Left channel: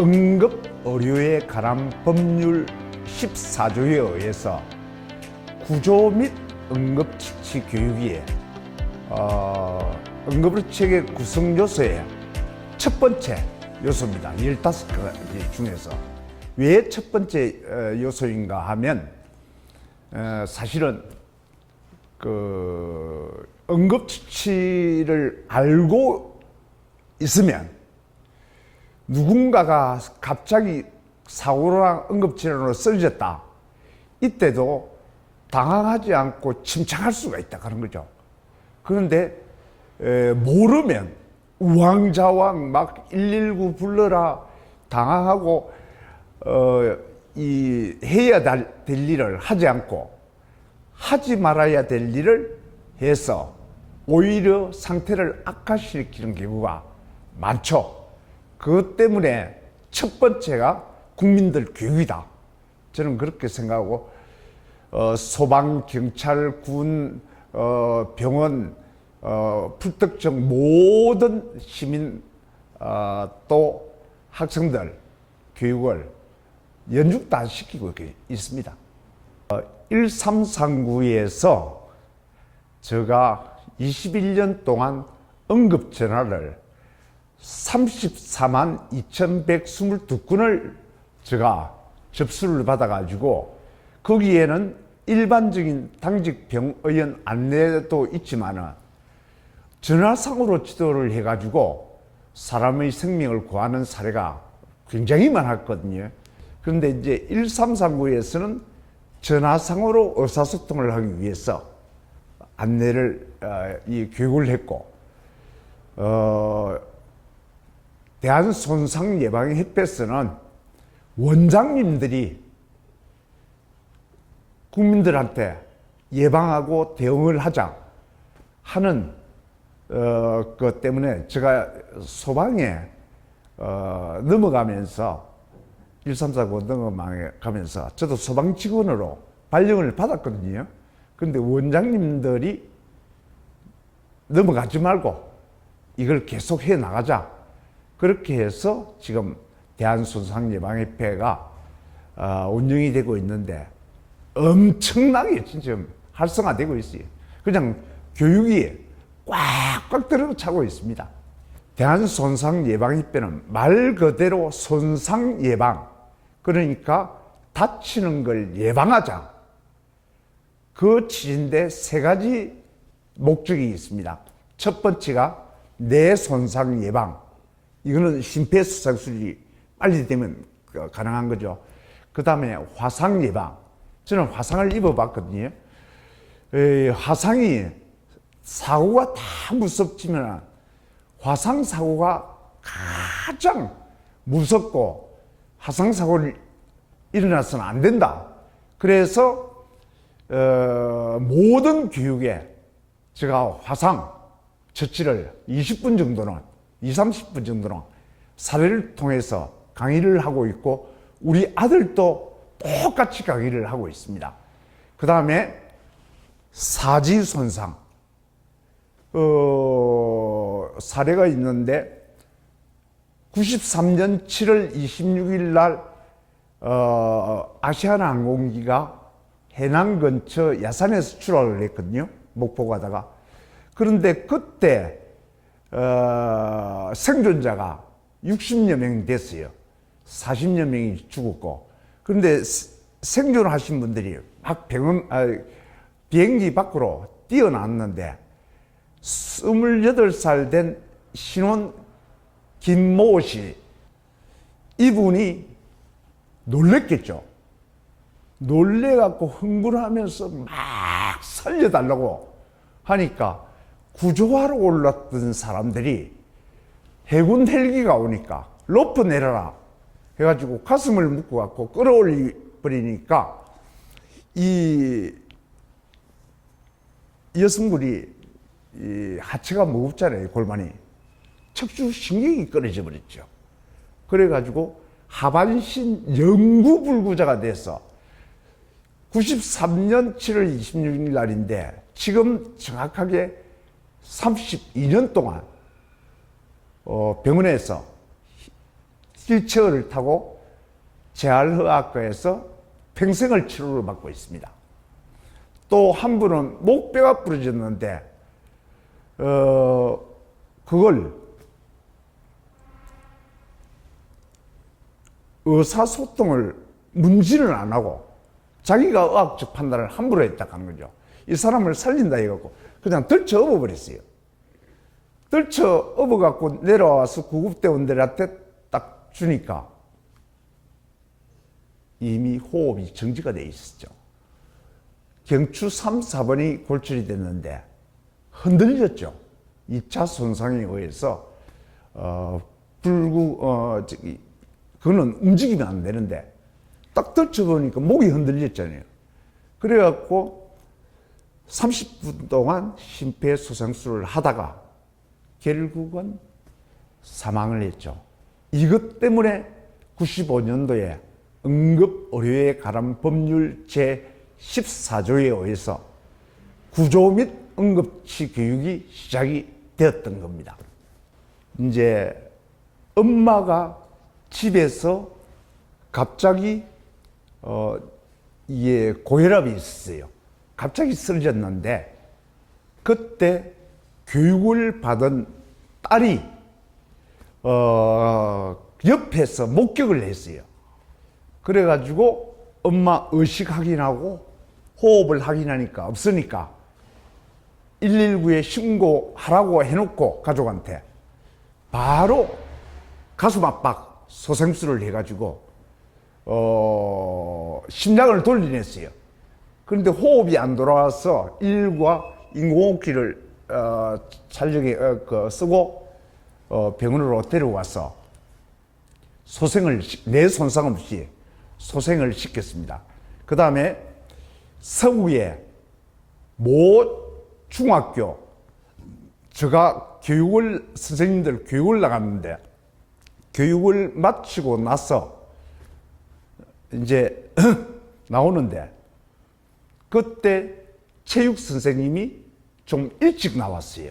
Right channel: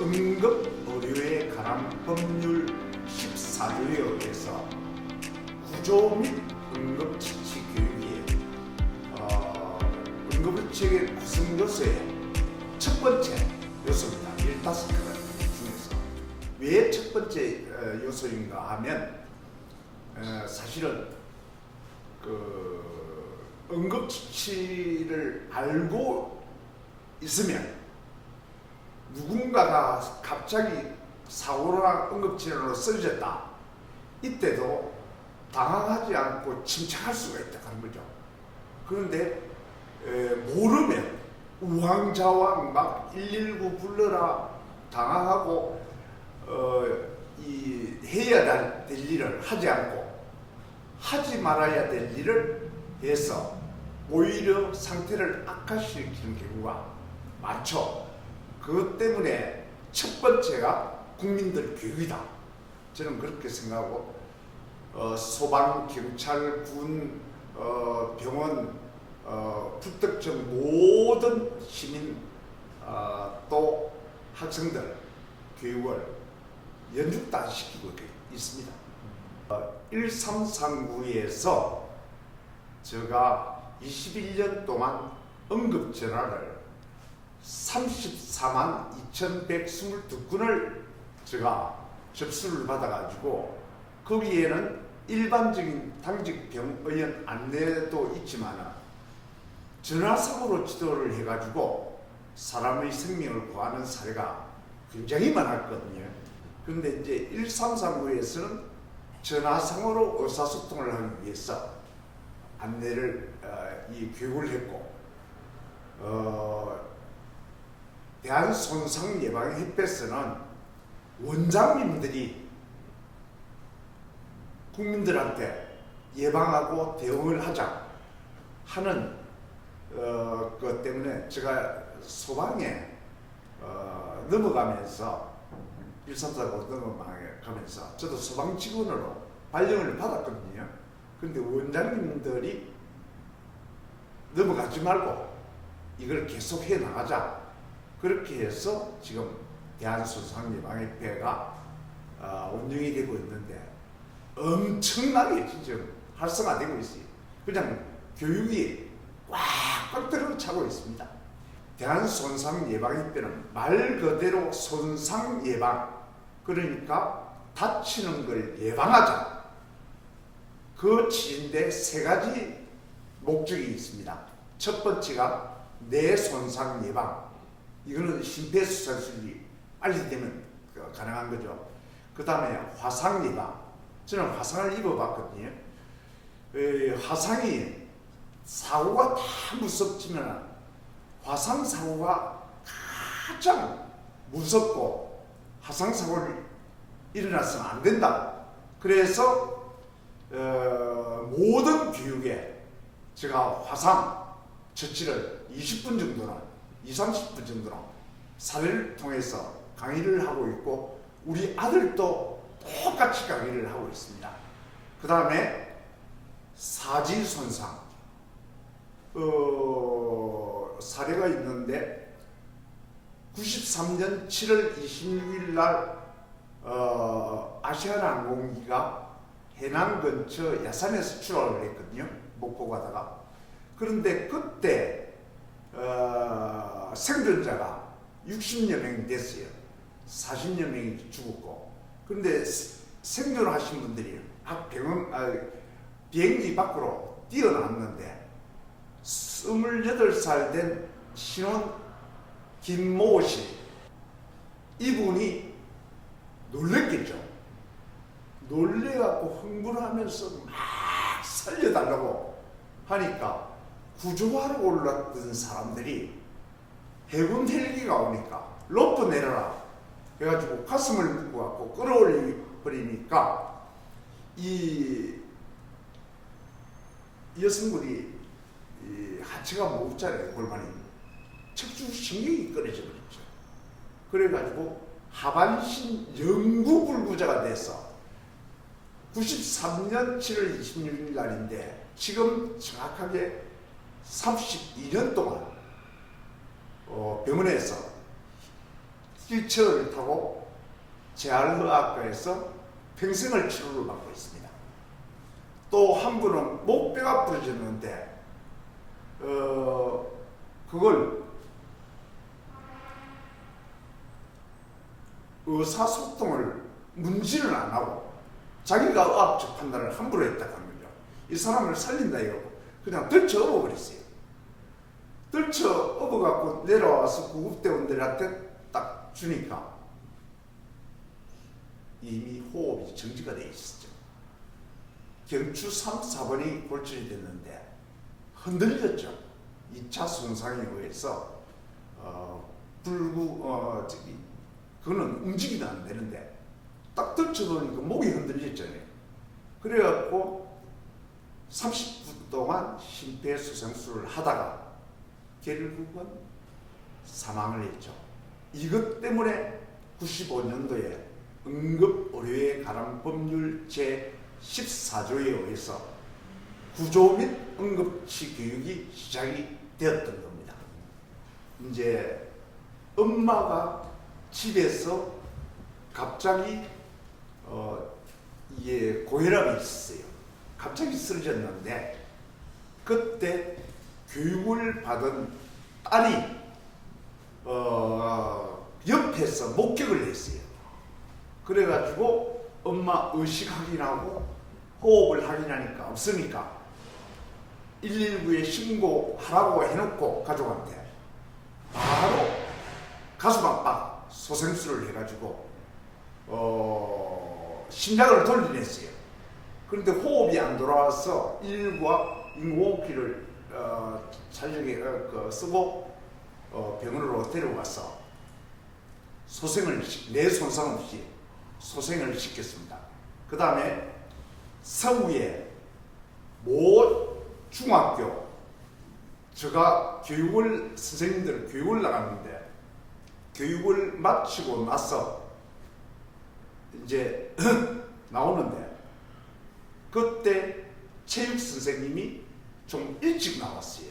응급 의료에 관한 법률 14조에 의해서 구조 및 응급처치 교육이 응급의료체계 구성 요소의 첫 번째 요소입니다. 15가지 중에서. 왜 첫 번째 요소인가 하면 사실은 응급처치를 알고 있으면 누군가가 갑자기 사고나 응급질환으로 쓰러졌다. 이때도 당황하지 않고 침착할 수가 있다. 그런 거죠. 그런데 모르면 우왕좌왕 막 119 불러라 당황하고 해야 될 일을 하지 않고 하지 말아야 될 일을 해서 오히려 상태를 악화시키는 경우가 많죠. 그것 때문에 첫 번째가 국민들 교육이다. 저는 그렇게 생각하고 소방, 경찰, 군, 병원, 불특정 모든 시민 또 학생들 교육을 연중 다 시키고 있습니다. 1339에서 제가 21년 동안 응급전화를 34만 2122건을 제가 접수를 받아가지고 거기에는 일반적인 당직 병의원 안내도 있지만은 전화상으로 지도를 해가지고 사람의 생명을 구하는 사례가 굉장히 많았거든요. 그런데 이제 1339에서는 전화상으로 의사소통을 하기 위해서 안내를 교육을 했고 대한손상예방협회에서는 원장님들이 국민들한테 예방하고 대응을 하자 하는 것 때문에 제가 소방에 넘어가면서 1349 넘어가면서 저도 소방 직원으로 발령을 받았거든요. 그런데 원장님들이 넘어가지 말고 이걸 계속 해 나가자. 그렇게 해서 지금 대한손상예방협회가 운영이 되고 있는데 엄청나게 진짜 활성화되고 있어요. 그냥 교육이 꽉꽉 들어차고 있습니다. 대한손상예방협회는 말 그대로 손상예방, 그러니까 다치는 걸 예방하자. 그 취지인데 세 가지 목적이 있습니다. 첫 번째가 뇌 손상 예방. 이거는 심폐소생술이 빨리 되면 가능한 거죠. 그 다음에 화상 예방. 저는 화상을 입어봤거든요. 화상이 사고가 다 무섭지만 화상 사고가 가장 무섭고 화상 사고를 일어나서는 안 된다. 그래서 모든 교육에 제가 화상 처치를 20분 정도는 20-30분 정도는 사례를 통해서 강의를 하고 있고 우리 아들도 똑같이 강의를 하고 있습니다. 그 다음에 사지 손상 사례가 있는데 93년 7월 26일 날 아시아나항공기가 해남 근처 야산에서 출하를 했거든요. 목포 가다가. 그런데 그때 생존자가 60여 명이 됐어요. 40여 명이 죽었고. 그런데 생존하신 분들이 막 비행기 밖으로 뛰어났는데 28살 된 신혼 김모 씨, 이분이 놀랬겠죠. 놀래갖고 흥분하면서 막 살려달라고 하니까 구조하러 올랐던 사람들이 해군 헬기가 오니까 로프 내려라 해가지고 가슴을 묶어갖고 끌어올려버리니까 이 여성분이 하체가 무겁잖아요. 골반이. 척추 신경이 끊어져 버렸죠. 그래가지고 하반신 영구불구자가 돼서 93년 7월 26일 날인데 지금 정확하게 32년 동안 병원에서 휠체어를 타고 재활의학과에서 평생을 치료를 받고 있습니다. 또 한 분은 목뼈가 부러졌는데 그걸 의사소통을 문진을 안 하고 자기가 의학적 판단을 함부로 했다고 한 거죠. 이 사람을 살린다 이거고 그냥 들쳐 업어버렸어요. 들쳐 업어갖고 내려와서 구급대원들한테 딱 주니까 이미 호흡이 정지가 돼 있었죠. 경추 3, 4번이 골절이 됐는데 흔들렸죠. 2차 손상에 의해서 그거는 움직이면 안 되는데 딱 들쳐보니까 목이 흔들렸잖아요. 그래갖고 30분 동안 심폐소생술을 하다가 결국은 사망을 했죠. 이것 때문에 95년도에 응급의료에 관한 법률 제14조에 의해서 구조 및 응급치 교육이 시작이 되었던 겁니다. 이제 엄마가 집에서 갑자기 이게 고혈압이 있었어요. 갑자기 쓰러졌는데 그때 교육을 받은 딸이 옆에서 목격을 했어요. 그래가지고 엄마 의식 확인하고 호흡을 확인하니까 없으니까 119에 신고하라고 해놓고 가족한테 바로 가슴 압박 소생술을 해가지고 심장을 돌려냈어요. 그런데 호흡이 안 돌아와서 119와 인공호흡기를 촬영에 쓰고 병원으로 데려와서 내 손상 없이 소생을 시켰습니다. 그 다음에 서구에 모 중학교 제가 선생님들 교육을 나갔는데 교육을 마치고 나서 이제 나오는데 그때 체육 선생님이 좀 일찍 나왔어요.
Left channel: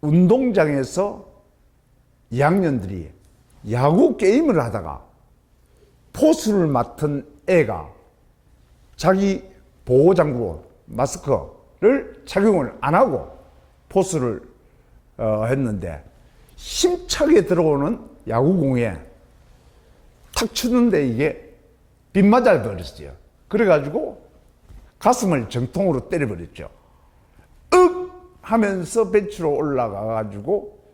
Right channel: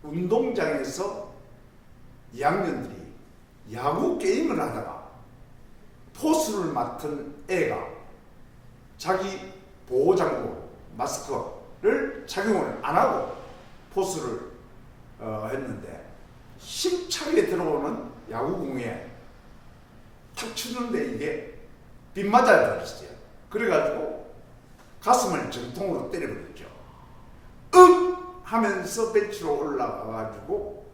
운동장에서 2학년들이 야구 게임을 하다가 포수를 맡은 애가 자기 보호장구 마스크를 착용을 안 하고 포수를 했는데 힘차게 들어오는 야구공에 탁 치는데 이게 빗 맞아 버렸어요. 그래가지고 가슴을 정통으로 때려버렸죠. 윽 하면서 벤치로 올라가가지고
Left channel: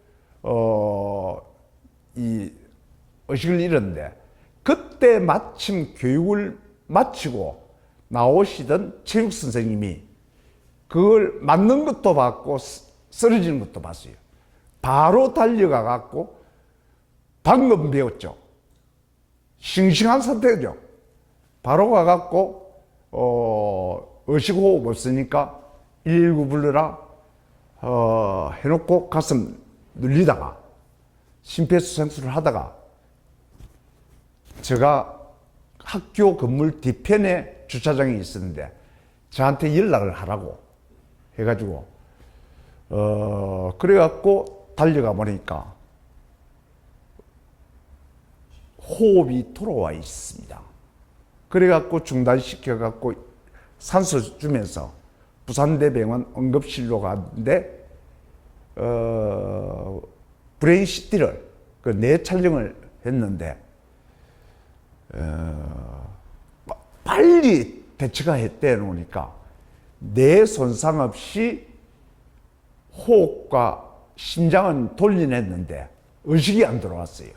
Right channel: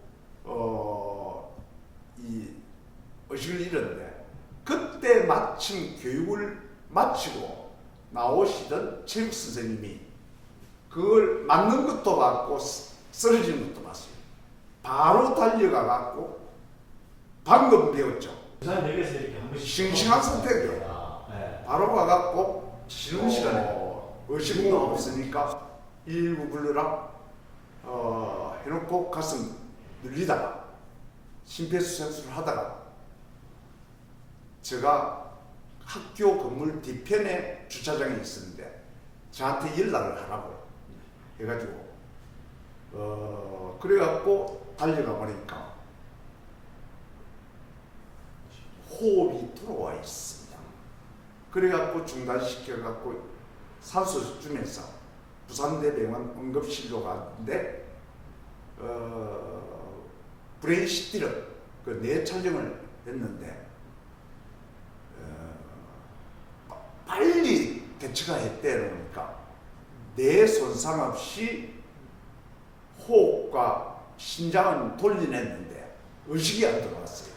이 의식을 잃었는데 그때 마침 교육을 마치고 나오시던 체육 선생님이 그걸 맞는 것도 봤고 쓰러지는 것도 봤어요. 바로 달려가 갖고 방금 배웠죠. 싱싱한 상태죠. 바로 가갖고 의식호흡 없으니까 119 불러라 해놓고 가슴 눌리다가 심폐소생술을 하다가 제가 학교 건물 뒤편에 주차장에 있었는데 저한테 연락을 하라고 해가지고 그래갖고 달려가 보니까 호흡이 돌아와 있습니다. 그래갖고 중단시켜갖고 산소 주면서 부산대병원 응급실로 갔는데 브레인 CT를 뇌 촬영을 했는데 빨리 대처가 했대 놓으니까 뇌 손상 없이 호흡과 심장은 돌려냈는데 의식이 안 들어왔어요.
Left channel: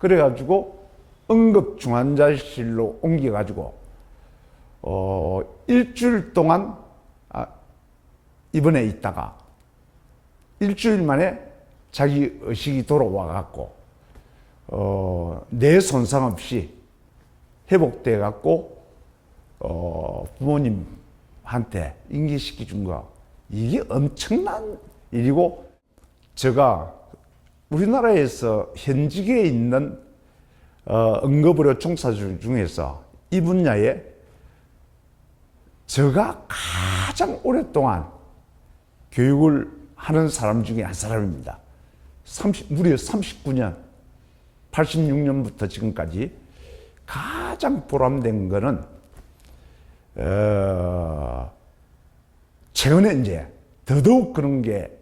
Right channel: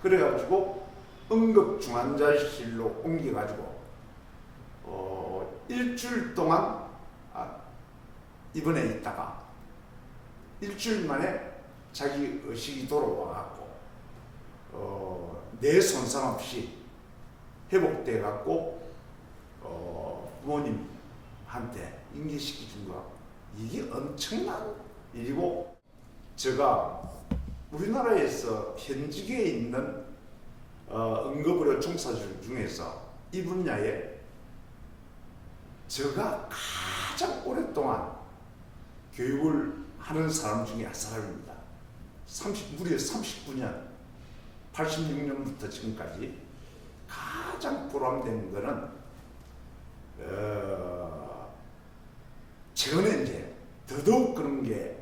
그래가지고 응급중환자실로 옮겨가지고 일주일 동안 입원해 있다가 일주일 만에 자기 의식이 돌아와갖고 뇌 손상 없이 회복돼갖고 부모님한테 인계시켜 준 거 이게 엄청난 일이고 제가 우리나라에서 현직에 있는 응급의료 종사자 중에서 이 분야에 제가 가장 오랫동안 교육을 하는 사람 중에 한 사람입니다. 무려 39년, 86년부터 지금까지 가장 보람된 거는 최근에 이제 더더욱 그런 게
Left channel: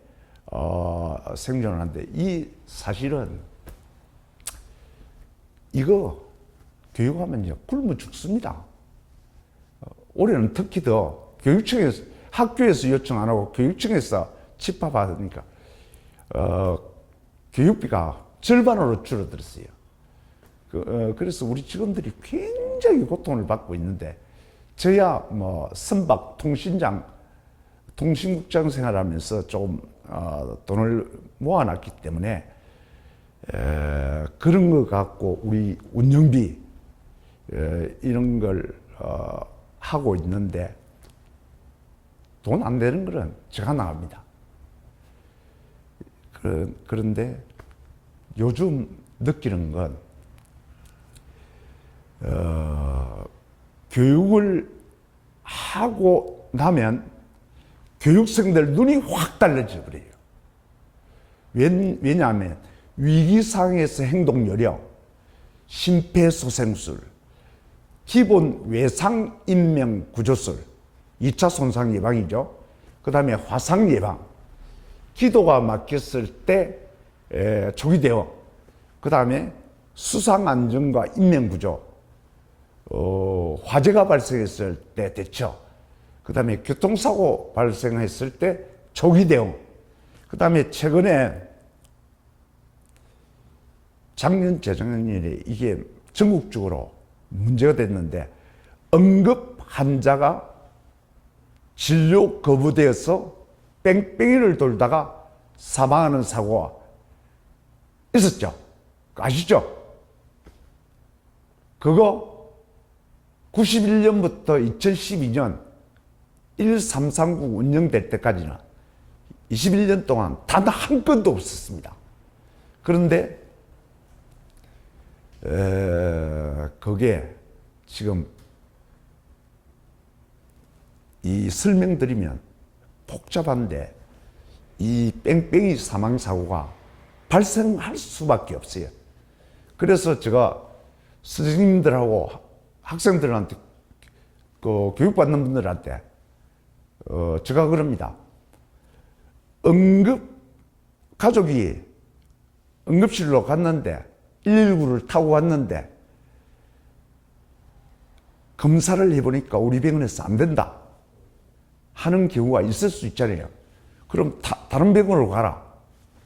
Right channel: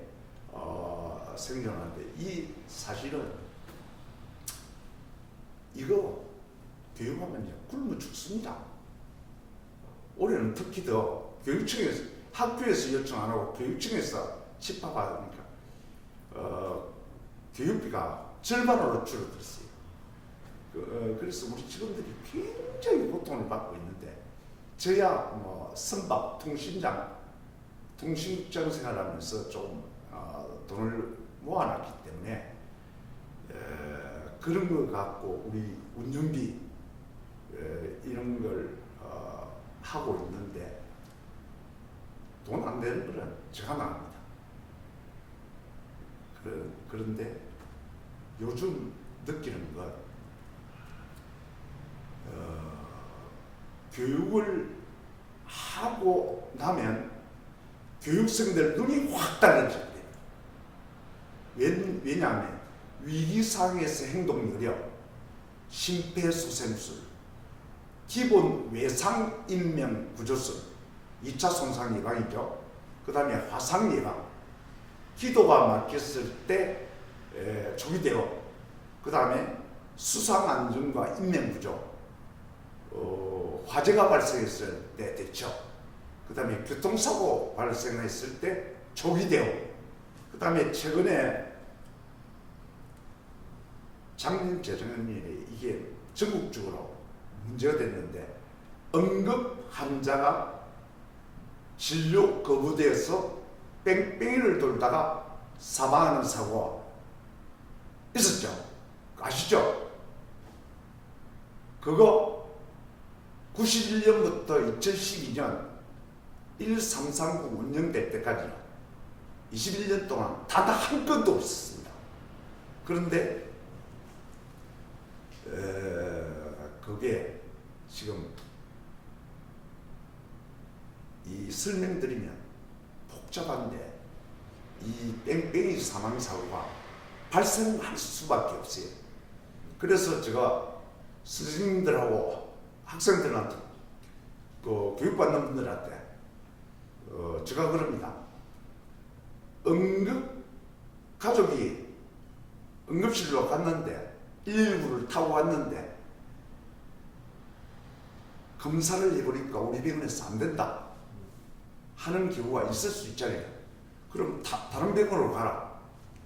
생존을 하는데, 이 사실은 이거 교육하면 이제 굶어 죽습니다. 올해는 특히 더 교육청에서, 학교에서 요청 안 하고 교육청에서 집합하니까 교육비가 절반으로 줄어들었어요. 그래서 우리 직원들이 굉장히 고통을 받고 있는데, 저야 뭐 선박 통신국장 생활하면서 좀 돈을 모아놨기 때문에 그런 거 갖고 우리 운영비 이런 걸 하고 있는데, 돈 안 되는 거는 제가 나갑니다. 그런데 요즘 느끼는 건 교육을 하고 나면 교육생들 눈이 확 달라져 버려요. 왜냐하면 위기 상황에서 행동 요령, 심폐소생술, 기본 외상 인명 구조술, 2차 손상 예방이죠. 그 다음에 화상 예방, 기도가 막혔을 때 초기 대응, 그 다음에 수상 안전과 인명 구조, 화재가 발생했을 때 대처, 그 다음에 교통사고 발생했을 때 초기 대응, 그 다음에 최근에 작년 재작년에 이게 전국적으로 문제가 됐는데, 응급 환자가 진료 거부되어서 뺑뺑이를 돌다가 사망하는 사고가 있었죠. 아시죠? 그거 91년부터 2012년 1339 운영될 때까지는 21년 동안 단 한 건도 없었습니다. 그런데 그게 지금 이 설명드리면 복잡한데, 이 뺑뺑이 사망사고가 발생할 수밖에 없어요. 그래서 제가 선생님들하고 학생들한테, 교육받는 분들한테 제가 그럽니다. 가족이 응급실로 갔는데 119를 타고 왔는데 검사를 해보니까 우리 병원에서 안 된다 하는 경우가 있을 수 있잖아요. 그럼 다른 병원으로 가라.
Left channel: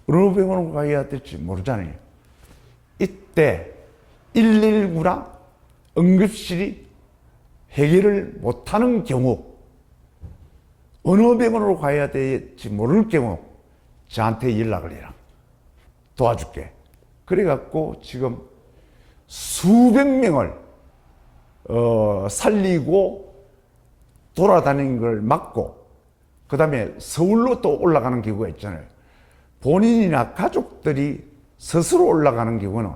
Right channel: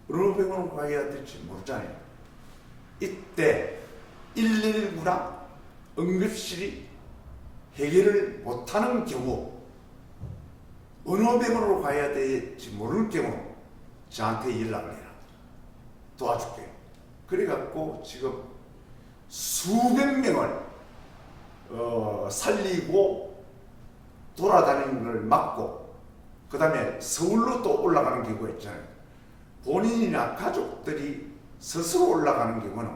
어느 병원으로 가야 될지 모르잖아요. 이때 119나 응급실이 해결을 못하는 경우, 어느 병원으로 가야 될지 모를 경우 저한테 연락을 해라. 도와줄게. 그래갖고 지금 수백 명을 살리고 돌아다니는 걸 막고, 그 다음에 서울로 또 올라가는 경우가 있잖아요. 본인이나 가족들이 스스로 올라가는 경우는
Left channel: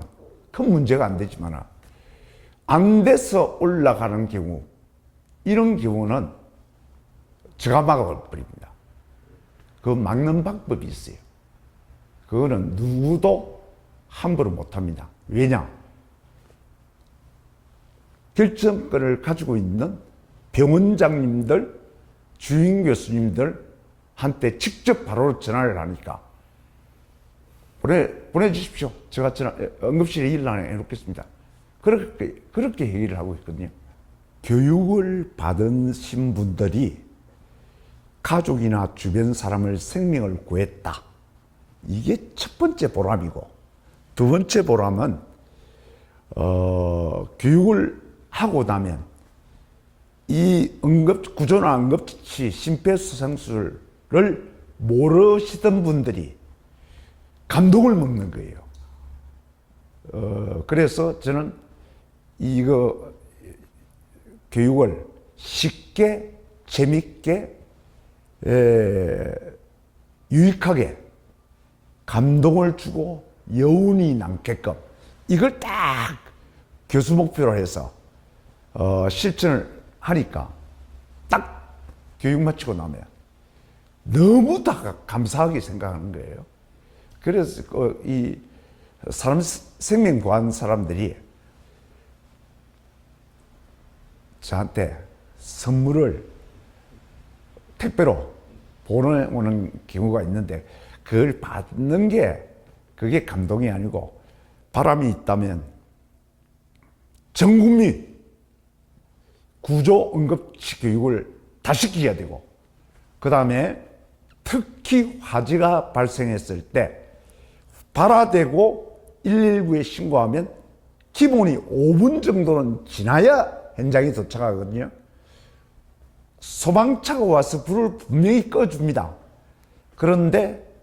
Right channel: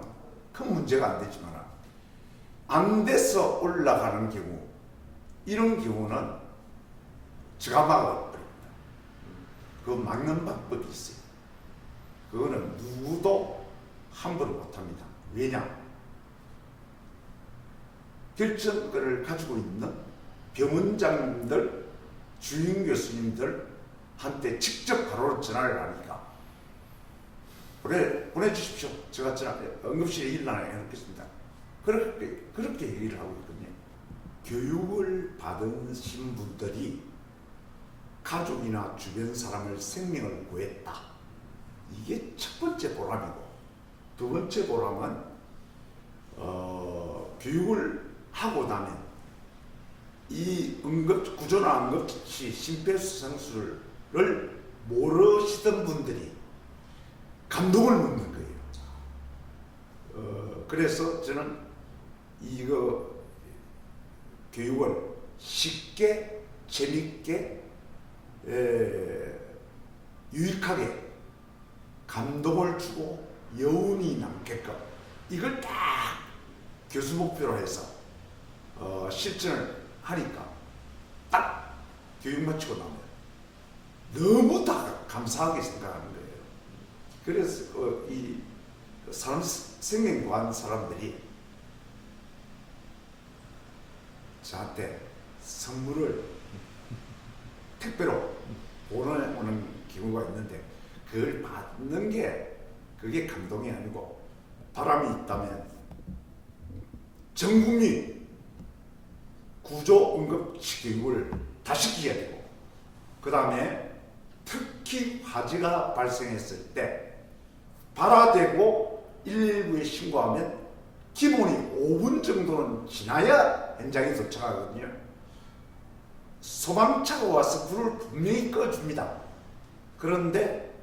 큰 문제가 안 되지만, 안 돼서 올라가는 경우, 이런 경우는 제가 막아버립니다. 그거 막는 방법이 있어요. 그거는 누구도 함부로 못합니다. 왜냐? 결정권을 가지고 있는 병원장님들, 주임 교수님들한테 직접 바로 전화를 하니까 보내주십시오. 제가 응급실에 일을 해놓겠습니다. 그렇게 얘기를 하고 있거든요. 교육을 받으신 분들이 가족이나 주변 사람을 생명을 구했다. 이게 첫 번째 보람이고, 두 번째 보람은 교육을 하고 나면 이 구조나 응급처치, 심폐소생술을 모르시던 분들이 감동을 먹는 거예요. 그래서 저는 이거 교육을 쉽게, 재밌게, 유익하게 감동을 주고 여운이 남게끔, 이걸 딱 교수 목표로 해서 실천을 하니까 딱 교육 마치고 나면 너무 다 감사하게 생각하는 거예요. 그래서 이 사람 생명 구한 사람들이 저한테 선물을 택배로 보내오는 경우가 있는데 그걸 받는 게 그게 감동이 아니고 바람이 있다면 전 국민 구조 응급실 교육을 다 시켜야 되고 그 다음에 특히 화재가 발생했을 때 발화되고 119에 신고하면 기본이 5분 정도는 지나야 현장에 도착하거든요. 소방차가 와서 불을 분명히 꺼줍니다. 그런데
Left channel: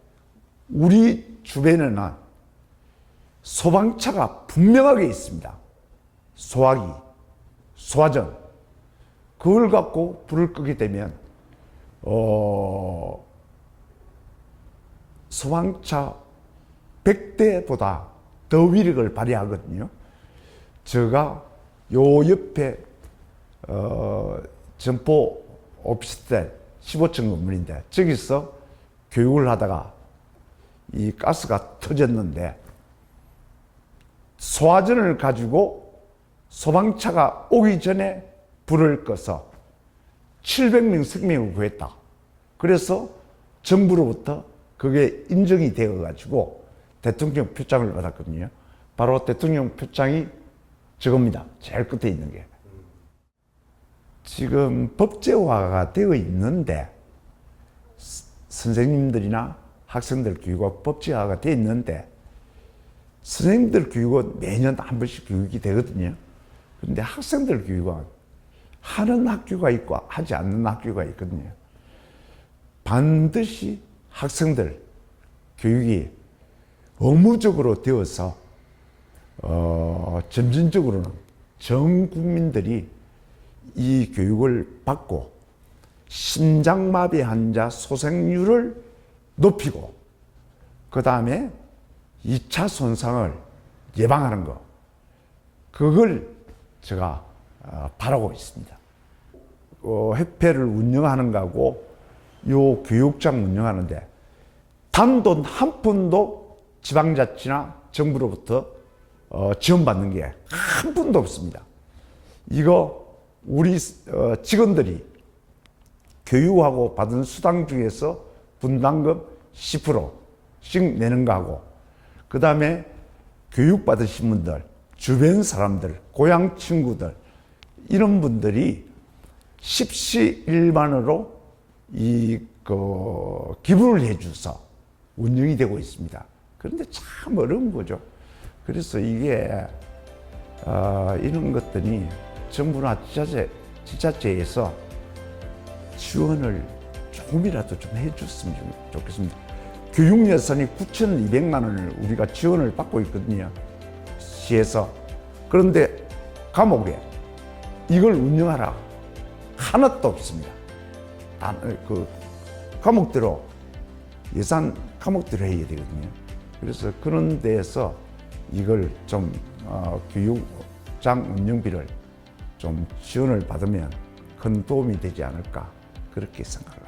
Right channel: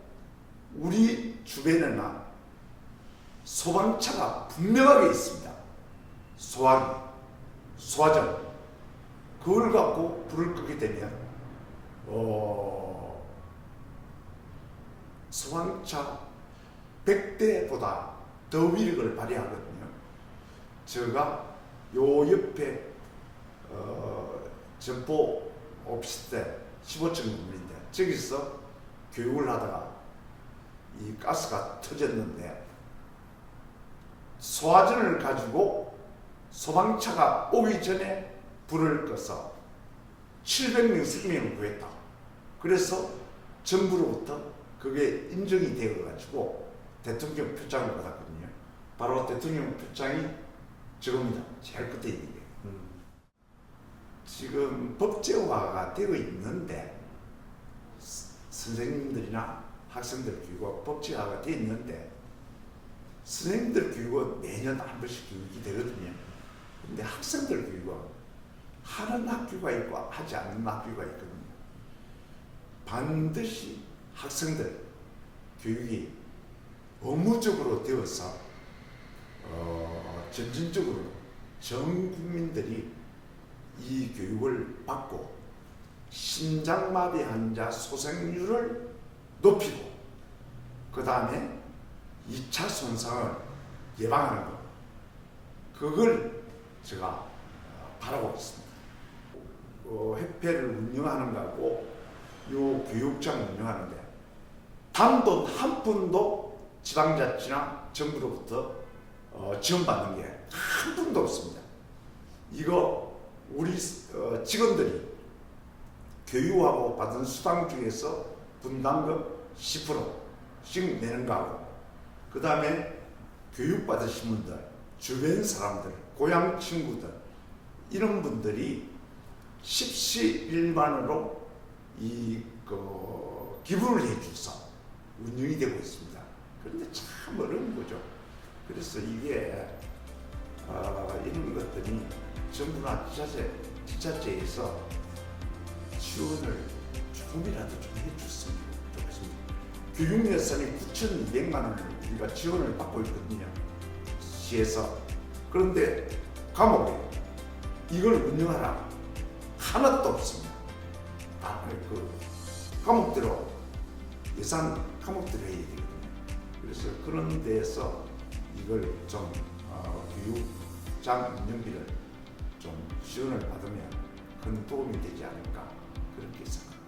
우리 주변에는 소방차가 분명하게 있습니다. 소화기, 소화전. 그걸 갖고 불을 끄게 되면 소방차 100대보다 더 위력을 발휘하거든요. 제가 요 옆에 점포 오피스텔 15층 건물인데 저기서 교육을 하다가 이 가스가 터졌는데 소화전을 가지고 소방차가 오기 전에 불을 꺼서 700명 생명을 구했다. 그래서 정부로부터 그게 인정이 되어 가지고 대통령 표창을 받았거든요. 바로 대통령 표창이 저겁니다. 제일 끝에 있는 게. 지금 법제화가 되어 있는데 선생님들이나 학생들 교육이 법제화가 되어 있는데 선생님들 교육은 매년 한 번씩 교육이 되거든요. 그런데 학생들 교육은 하는 학교가 있고 하지 않는 학교가 있거든요. 반드시 학생들 교육이 의무적으로 되어서 점진적으로는 전 국민들이 이 교육을 받고 심장마비 환자 소생률을 높이고 그 다음에 2차 손상을 예방하는 것 그걸 제가 바라고 있습니다. 협회를 운영하는 거하고 요 교육장 운영하는데 단돈 한 푼도 지방자치나 정부로부터 지원받는 게 한 푼도 없습니다. 이거 우리 직원들이 교육하고 받은 수당 중에서 분담금 10%씩 내는 거하고 그 다음에 교육받으신 분들, 주변 사람들, 고향 친구들 이런 분들이 십시일반으로 기부를 해줘서 운영이 되고 있습니다. 그런데 참 어려운 거죠. 그래서 이게 이런 것들이 정부나 지자체에서 지원을 조금이라도 좀 해줬으면 좋겠습니다. 교육 예산이 9,200만 원을 우리가 지원을 받고 있거든요. 시에서. 그런데 감옥에 이걸 운영하라 하나도 없습니다. 감옥대로 예산 감옥대로 해야 되거든요. 그래서 그런 데에서 이걸 좀 교육장 운영비를 좀 지원을 받으면 큰 도움이 되지 않을까 그렇게 생각합니다.